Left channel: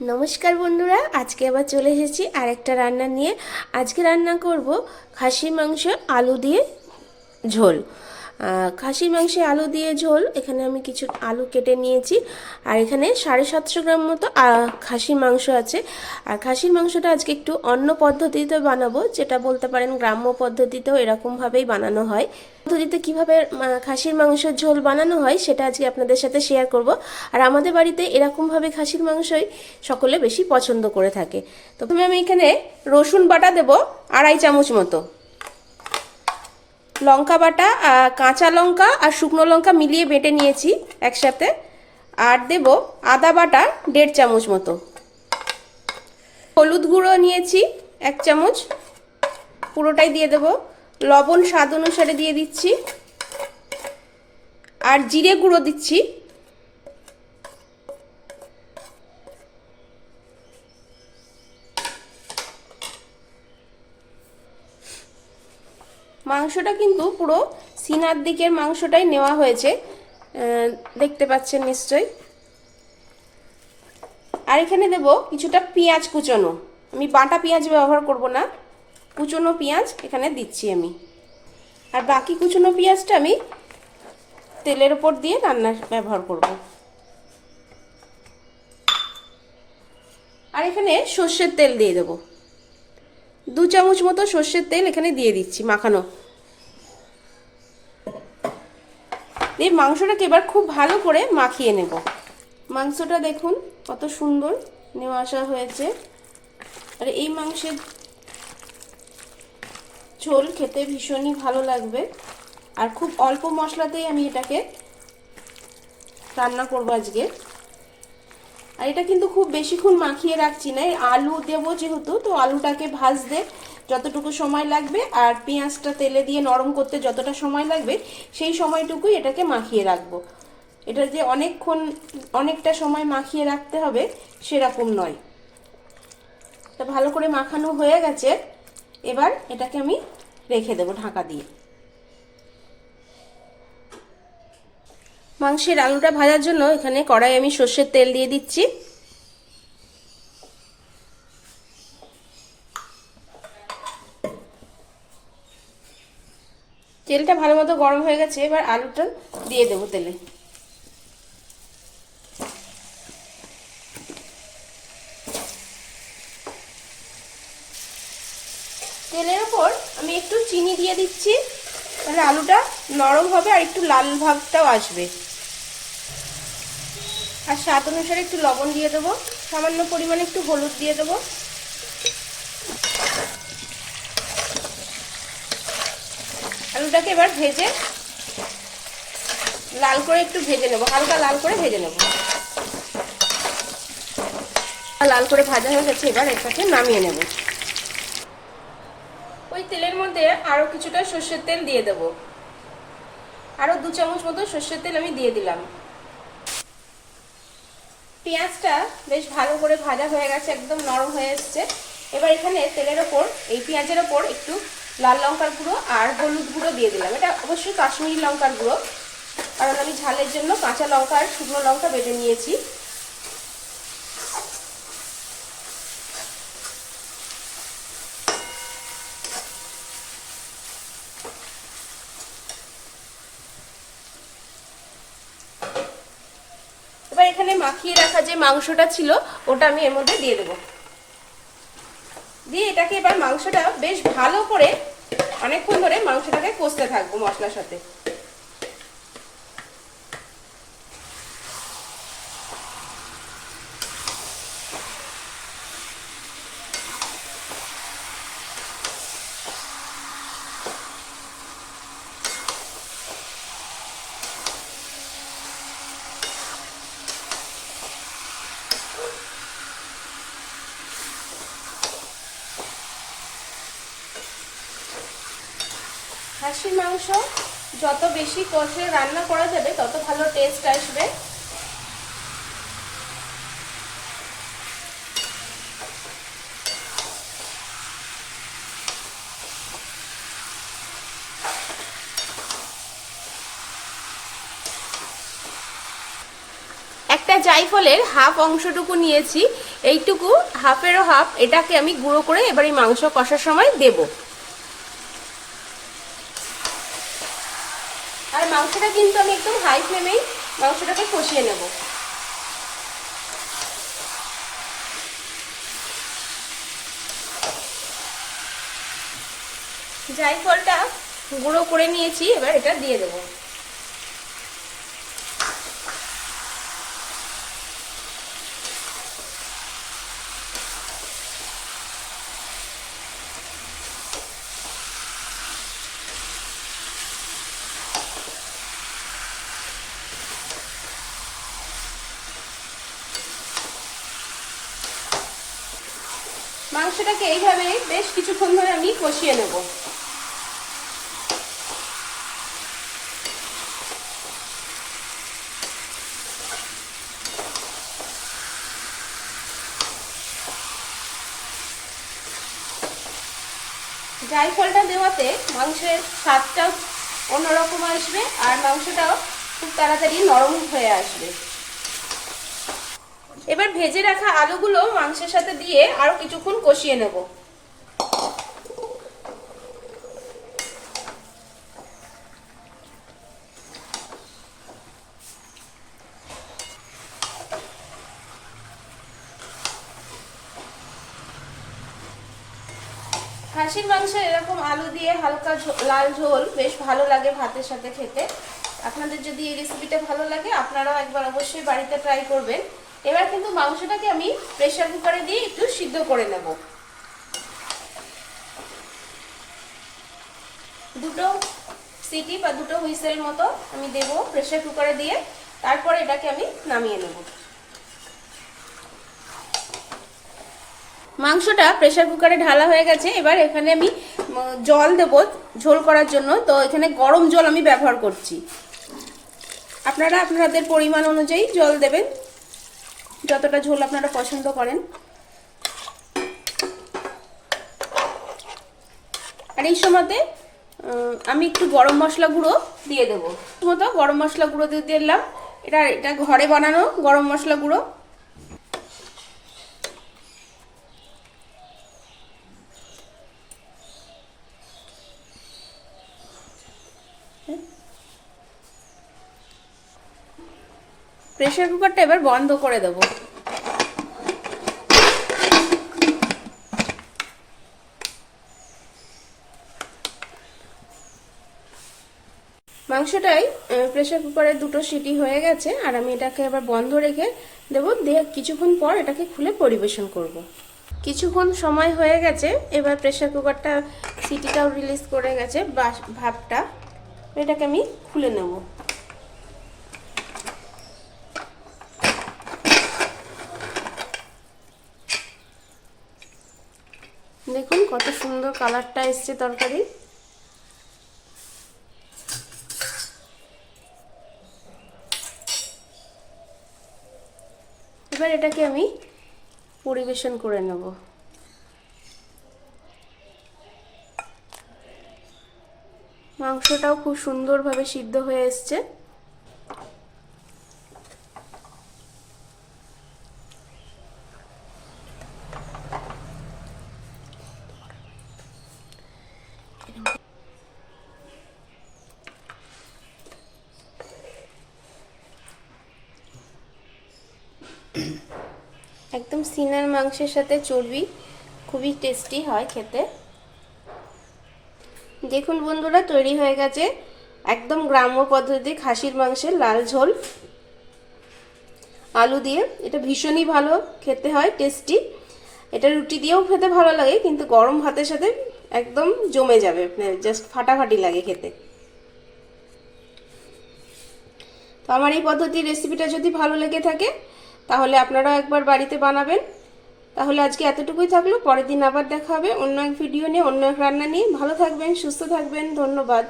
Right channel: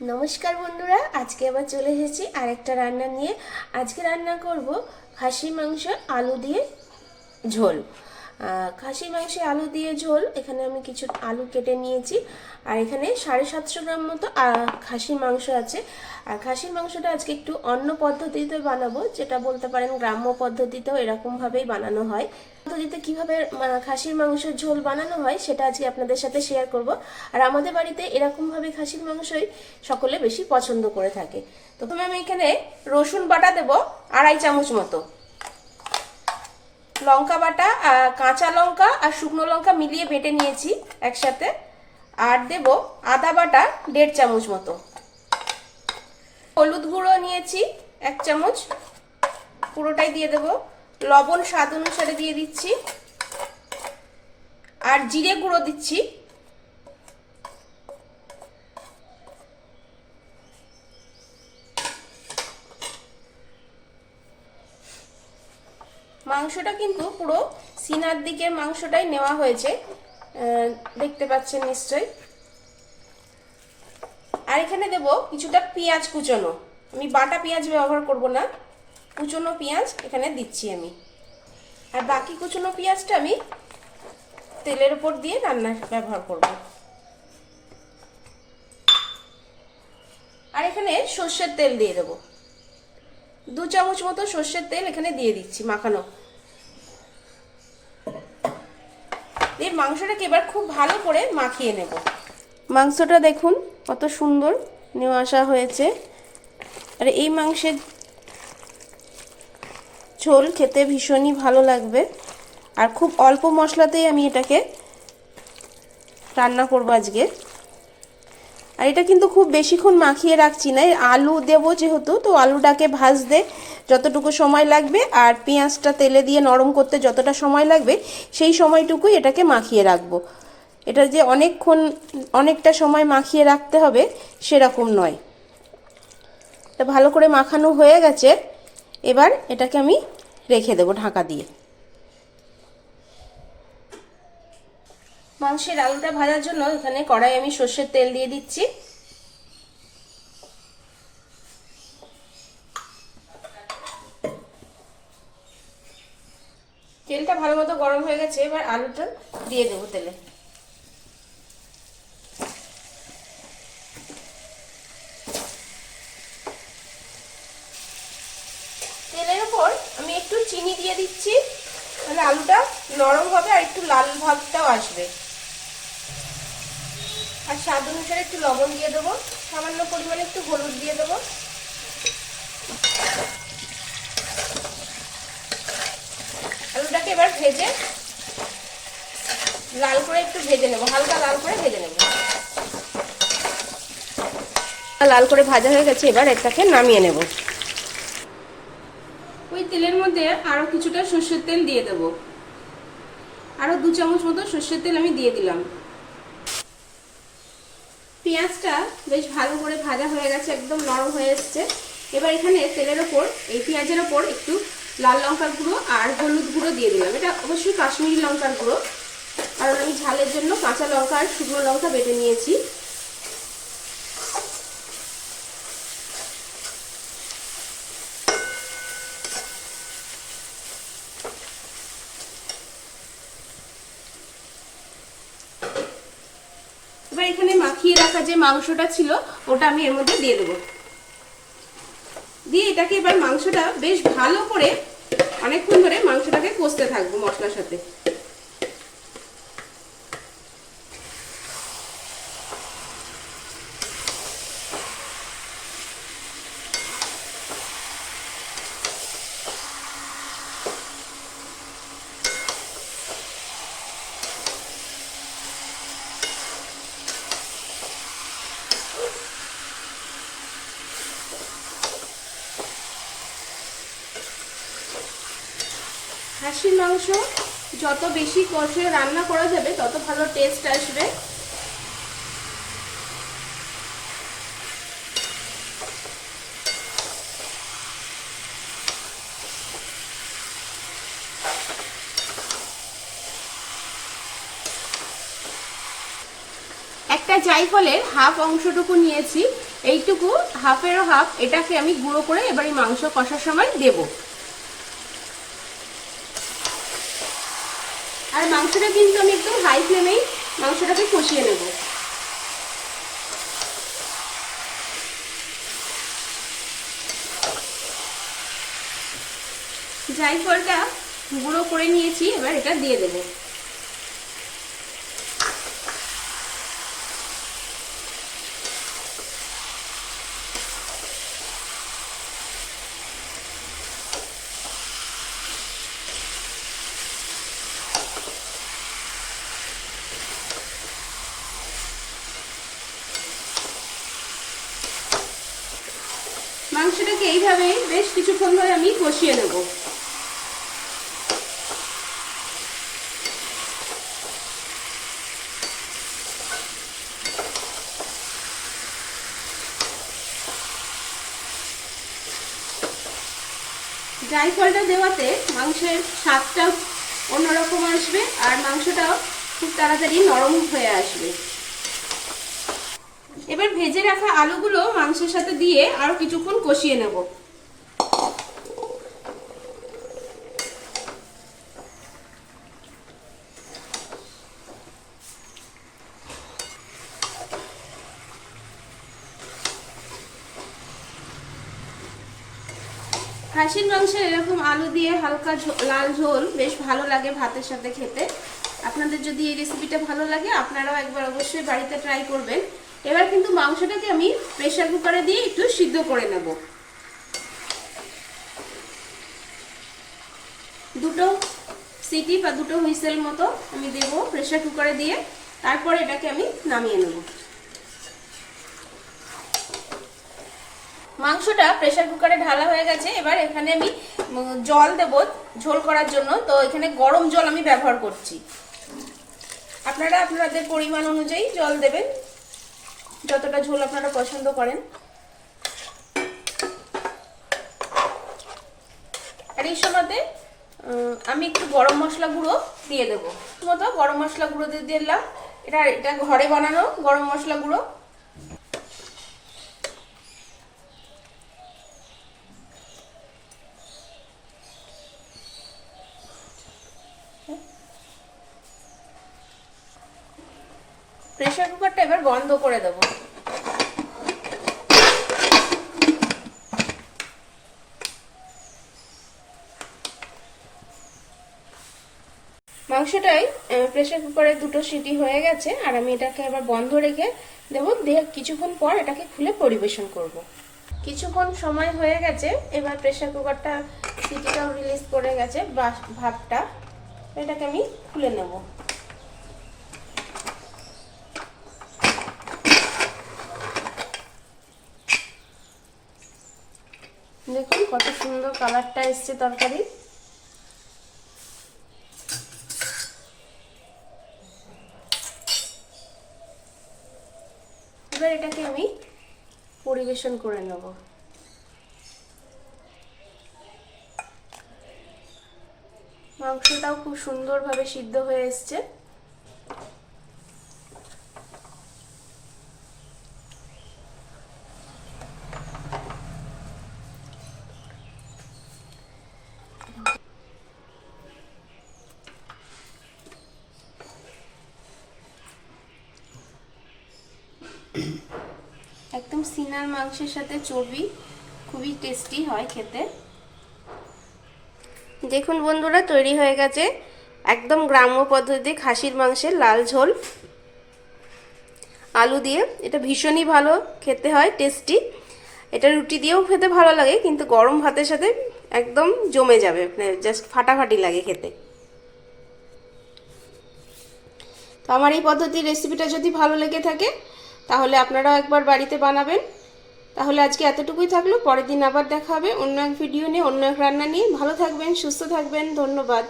নমস্কার বন্ধুরা, আজকে আবার চলে এসেছি আরেকটা রান্না নিয়ে। আজকে রান্না করব খাসি মাংস আলু দিয়ে ঝোল। খাসির মাংসে আলু দিয়ে ঝোল। এখানে আমি কিছু আলু কেটে নিয়েছি। আর এখানে সাড়ে সাতশো গ্রাম মতো খাসির মাংস আছে। আর খাসির মাংসটা আজকে একটু অন্য পদ্ধতিতে বানাবো, যেটা বলতে পারেন গ্রাম্য পদ্ধতিতেও এরকমভাবেই বানানো হয়। পদ্ধতিতে কীভাবে খাসির মাংসের ঝোল বানানো হয়, সেটা আজকে আপনাদের সাথে শেয়ার করব। আর আমাদের বাড়িতে এরকমভাবে খাসির মাংসই সকলে বেশি পছন্দ করে থাকে। তো আমি এখানে রসুন বাটা দেব, আড়াই চামচ মতো। লঙ্কা বাটা কাঁচা লঙ্কা আর শুকনো লঙ্কা মিলিয়ে বেটে নিয়েছি একসাথে। আর দেব আদা বাটা দেড় চামচ মতো। হলুদ গুঁড়ো নিয়েছি এক চামচ। পুরোটাই দিয়ে দেব। লবণ স্বাদ অনুসারে দিয়ে দিচ্ছি। আর জিরে গুঁড়ো দিচ্ছি। মাংসটা কিন্তু পুরো সিনার দিকের মাংসটাই নেওয়া হয়েছে। দেখতে পাচ্ছেন নিশ্চয়ই। আর এখানে দেব কিছুটা পেঁয়াজ কুচোনো। আমি বাটা পেঁয়াজ ব্যবহার করব না। কুচোনো পেঁয়াজ এখানে দিচ্ছি আমি। আর বাকি কুচোনো পেঁয়াজটা আমি তেলের ওপর দিয়ে রান্নার ব্যবহার করব। আর এখানে সর্ষের তেল দিয়ে দেবো। দু চামচ মতো সর্ষের তেল এখানে দিয়ে দিচ্ছি মাখানো। এই মাংসটাকে এবার খুব ভালো করে মাখিয়ে নেব। মাংসটা দেখুন, কত সুন্দর নিয়ে আসা হয়েছে। আর এই মাংসের ঝোল খেতে ভীষণই ভালো লাগবে। আর খুব অল্প মশলাতেই আমি এটাকে রান্না করব আজকে। আর এটা কিন্তু খুব বেশিক্ষণ মাখিয়ে রাখছি না। আলু দেবো যেহেতু, তো আলুটাকে ভাজতে যতটুকু সময় লাগবে আর পেঁয়াজটা তেলে দিয়ে নরম করতে যতটা সময় লাগবে, সেই সময়টুকুই এটাকে মাখিয়ে রাখব। এটা যে অনেকক্ষণ, অনেকটা সময় মাখিয়ে রাখতে হবে, সেরকম নয়। এটা ভালো করে মাখানো হয়ে গেছে। এবার এটাকে আমি রেখে দেবো ঢাকা দিয়ে। মাংসের আলুটা ভাজার জন্য এখানে কড়াই আমি সর্ষের তেল দিয়ে দিচ্ছি। তেলটা ভালো মতো গরম হয়ে গেছে, এবার আলুটা দিয়ে দেবো তেলে তেলের উপর আমি একটু চিনি দিয়ে দিচ্ছি তাহলে আলুটা নরম হবে আর একটু লাল ভাবটাও আসবে। আর স্বাদ অনুসারে একটু লবণ দিয়ে দেবো। সামান্য পরিমাণে একটু হলুদ দিয়ে দেবো। আলুটাকে এবার ভেজে লাল করে একটু ভেজে নেব। হালকা লাল করে ভেজে নেব। লাল করে ভাজা হয়ে গেছে, এবার এটাকে নামিয়ে নেব। ওই তেলের মধ্যে আরও কিছুটা সর্ষের তেল দিয়ে দেবো। আরও দু চামচ মতো সর্ষের তেল আমি দিয়ে দিলাম। পেঁয়াজটা বেশ ভালো করে ভাজা হয়ে গেছে, একদম নরম হয়ে এসছে। এবার এখানে তেলের ওপর, এই পেঁয়াজের ওপর একটু লাল লঙ্কার গুঁড়ো আর হলুদ গুঁড়ো দিয়ে দিলাম। এটা অবশ্যই কাশ্মীরি লঙ্কার গুঁড়ো, কারণ আমি ঝালের জন্য কাঁচা লঙ্কা আর শুকনো লঙ্কা বেটে নিয়েছি। এবার এখানে মাখিয়ে রাখা যে মাংসটা ছিল, ওটা আমি এর মধ্যে দিয়ে দেবো। দিয়ে এটাকে এবার মাংসটা বেশ ভালো করে অনেকক্ষণ ধরে মাংসটাকে কষতে থাকব মশলার সাথে খাসির মাংস যত বেশি কষে রান্না করা যাবে, তত ভালো টেস্ট আসবে। একটা জাইফলের হাফ অংশটুকু নিয়েছি, এইটুকু হাফেরও হাফ, এটাকে আমি গুঁড়ো করে এবার এই মাংস কষার সময় দেব। মাংসটা কিন্তু আমি একদম হাই ফ্লেমেই মাংসটাকে কষিয়ে নেব। জাইফলটা গুঁড়ো করে নিয়েছি, এবার এটা দিয়ে দেবো। মাংসটাকে এইভাবে বেশ কিছুক্ষণ ধরে আমি কষিয়ে নেব। জায়ফলটা দেওয়াতে মাংসের স্বাদটা অন্যরকম আসবে আর মাংসটাও খুব তাড়াতাড়ি নরম হয়ে আসবে। এবার ভেজে রাখা আলুগুলো মাংসের সাথে দিয়ে আরও কিছুক্ষণ কষিয়ে নেব। খাসির মাংসের এরকম আলু দিয়ে হালকা লাল ঝোল, বেশ ভালো লাগে ভাতের সাথে খেতে। আপনাদের যদি এই রেসিপিটা ভালো লাগে, আপনারাও একবার অবশ্যই বাড়িতে ট্রাই করবেন। এবার কিন্তু মাংসটাকে আমি প্রেশার কুকারে দিয়ে একটু সিদ্ধ করে নেব। দুটো সিটি বা দুটো হুইসেল মতো আমি দেব প্রেশার কুকারে দিয়ে। তারপর এটাকে আমি নামিয়ে নেব। মাংসটা প্রেশার কুকারে ঢালা হয়ে গেছে। এবার এখানে আমি জল দেব ঝোল করার জন্য। তো এখানে গরম জল আমি ব্যবহার করছি। আপনারা আপনাদের পরিমাণ অনুযায়ী জল দেবেন। যতটা ঝোল আপনারা পছন্দ করেন। আর এই সময়তে আমি একটু গরম মশলা গুঁড়ো দিয়ে দেবো। মতো গরম মশলা গুঁড়ো দিয়ে দিলাম। এটা এটা ঘরে বানানো গরম মশলা গুঁড়ো। প্রেশার কুকারটা এবার বন্ধ করে দেব। মাংসটাই প্রেশার কুকারে দুটো সিটি হয়ে গেছে, আর আমি এটাকে আবার বন্ধ রেখে দেবো। দিয়ে কিছুক্ষণ পর এটাকে খুলে পরিবেশন করব। কিছুক্ষণ সময় হয়ে গেছে, এবার প্রেশার কুকারটা সিটিটাও রিলিজ করে গেছে ভাবটা এটাকে আমি খুলে নেব দেখুন কত সুন্দর কালারটা এসছে তরকারি। এবার এটাকে আমি পরিবেশন করে নেব। মাংসটাও খুব সুন্দরভাবে সিদ্ধ হয়ে এসছে। একদম সিনার মাংসের সাথে চর্বি, খুবই টেস্টি হয় খেতে। দেখুন বন্ধুরা, তৈরি হয়ে গেছে একদম গ্রাম্য পদ্ধতি খাসির মাংসের লাল ঝোল। আলু দিয়ে, এটা ভীষণই ভালো খেতে হয় টেস্টি এটা রুটি দিয়েও খেতে ভালো লাগে, কিন্তু গরম ভাতের সাথে একদম জমে যাবে জাস্ট ফাটাফাটি লাগে খেতে। তো আমার এই পদ্ধতির রেসিপিটা যদি ভালো লেগে থাকে তাহলে আপনারাও একবার বাড়িতে বানাবেন। তাহলে আজকে এতটুকুই থাকল, পরের দিন আবার দেখা হবে অন্য এক ভিডিও নিয়ে, অন্য এক রান্না নিয়ে। ভালো থাকবেন, সুস্থ থাকবেন, ধন্যবাদ।